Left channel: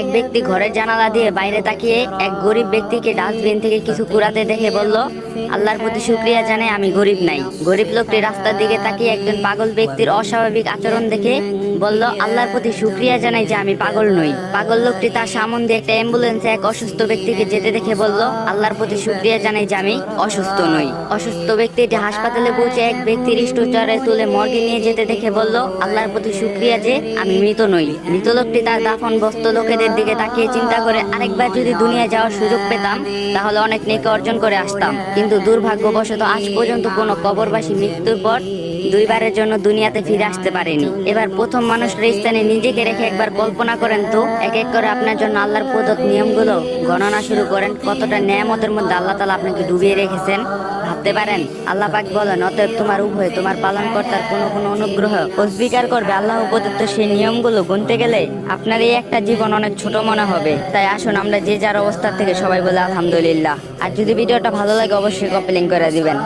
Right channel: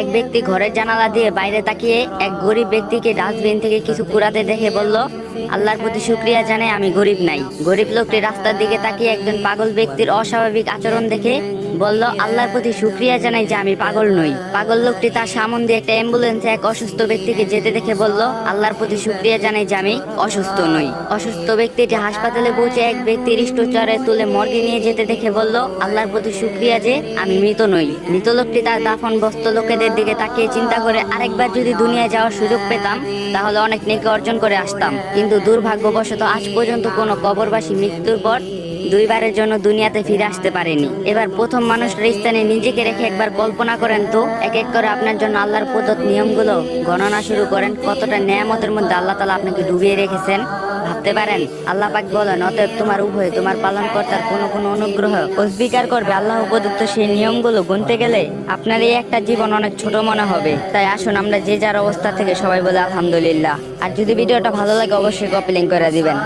এক ব্যক্তি ঘরের জানালা দিয়ে বাইরে তাকিয়ে এক গরিব ব্যক্তিকে ডাস্টবিন থেকে কিছু কুড়াতে দেখে বলল, আল্লাহর প্রতি শুকরিয়া জানাই আমি গরিব নাই। গরিব লোকটি রাস্তার দিকে তাকিয়ে একজন পাগল ব্যক্তির অস্বাভাবিক আচরণ দেখে বলল, আল্লাহর প্রতি শুকরিয়া জানাই যে আমি পাগল নই। পাগল লোকটি তার সামনে দিয়ে একটা অ্যাম্বুলেন্সে এক অসুস্থ ব্যক্তিকে যেতে দেখে বলল, আল্লাহর প্রতি শুকরিয়া জানাই যে আমি অসুস্থ নই। অসুস্থ ব্যক্তিটি হাসপাতালে পৌঁছে এক ব্যক্তির স্ট্রেচারে তুলে মর্গে নিয়ে যেতে দেখে বলল, আল্লাহর প্রতি শুকরিয়া যে আমি মৃত নই। মৃত লোকটি তার দাফন বস্ত লোকেদের দিকে তাকিয়ে চিন্তা করে, আরেকবার যদি দুনিয়ায় যাওয়ার সুযোগ পেতাম তাহলে অনেক নেকি অর্জন করে আসতাম, কিন্তু দুর্ভাগ্যবশত আজ পর্যন্ত কোনো কবরবাসী মৃত্যুর পর দুইবারের জন্য দুনিয়াতে ফিরে আসতে পারেনি। এবার প্রথম মানুষের স্থানে নিজেকে রেখে একবার কল্পনা করেন তো, এক এক করে আপনার জন্য আল্লাহর প্রদত্ত নিয়মগুলো গণনা শুরু করেন। কতটা নিয়ামতের মধ্যে আল্লাহ তাআলা আপনাকে ডুবিয়ে রেখেছেন ভাবতে পারেন। আল্লাহ পাক বলেন, অতএব তোমার উভয় তোমার পালনকর্তার কোনো অনুগ্রহ অস্বীকার করবে আল্লাহর উপদিত সেই নিয়মগুলো গুনতে গেলে আপনার এই একটা জীবন অনেক ছোট মনে হবে। তাই আসুন আমরা যে যার অবস্থা থেকে সবাই বলে আলহামদুলিল্লাহ। আর যদি ভিডিওটা ভালো লাগে অবশ্যই কপি লিংক করে দিবেন।